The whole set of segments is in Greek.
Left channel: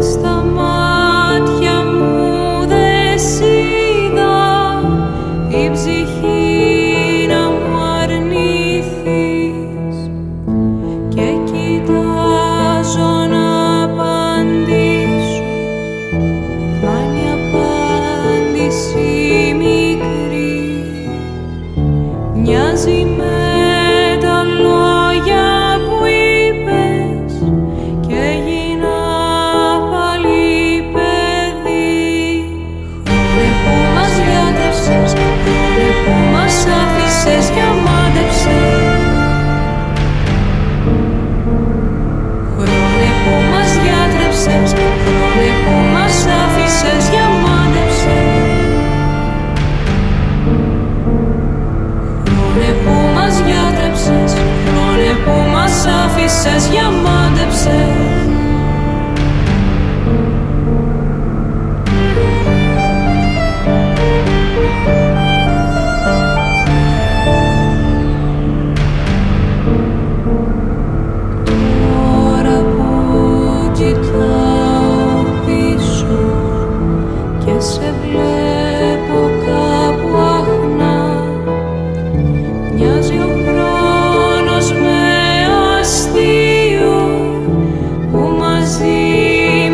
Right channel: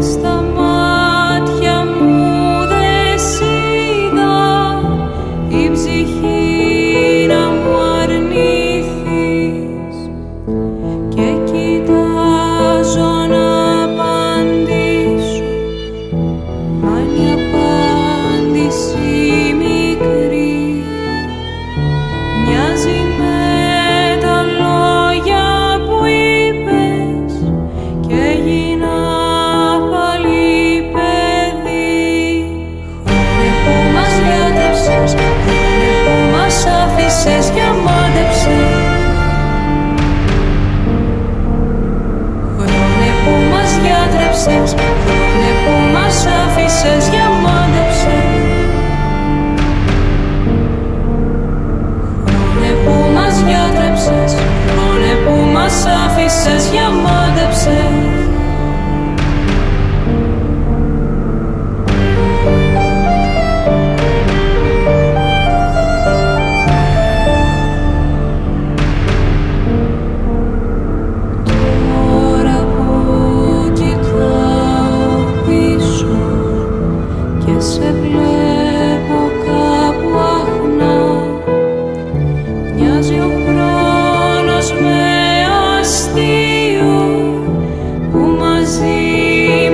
μες στα μάτια μου δεν σ' είδα η ψυχή να μου αρνηθείς και κοιτάζω να απαντήσω, μα είναι η απάντηση μικρή, μοιάζει με τα λόγια που είπες και έγινα πάλι παιδί. Χρόνε που μας γιατρεύσες, χρόνε που μας άφησες για μάντεψες, χρόνε που μας γιατρεύσες, χρόνε που μας άφησες για μάντεψες, χρόνε που μας γιατρεύσες, χρόνε που μας άφησες για μάντεψες. Τώρα που κοιτάω πίσω και σε βλέπω κάπου αχνά, μοιάζει ο χρόνος με αστείο που μαζί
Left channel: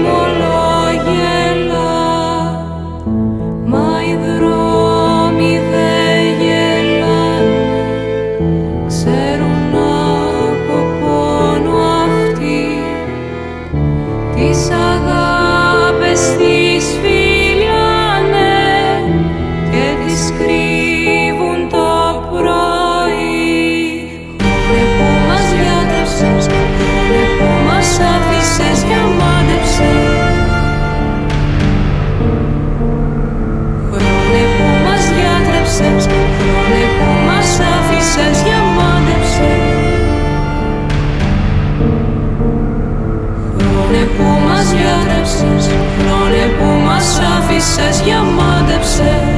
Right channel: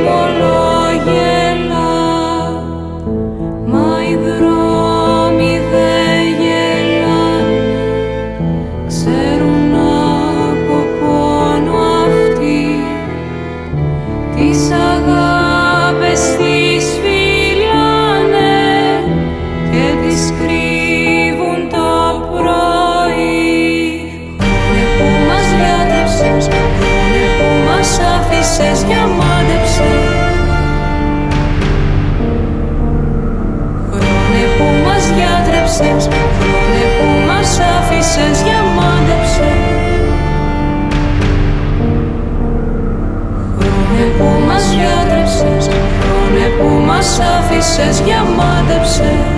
μου όλο γελά, μα οι δρόμοι δεν γελάνε, ξέρουν από πόνο αυτοί, τις αγάπες τις φυλάνε και τις κρύβουν το πρωί. Χρόνε που μας γιατρεύσες, χρόνε που μας άφησες για μάντεψες, χρόνε που μας γιατρεύσες, χρόνε που μας άφησες για μάντεψες, χρόνε που μας γιατρεύσες, χρόνε που μας άφησες για μάντεψες.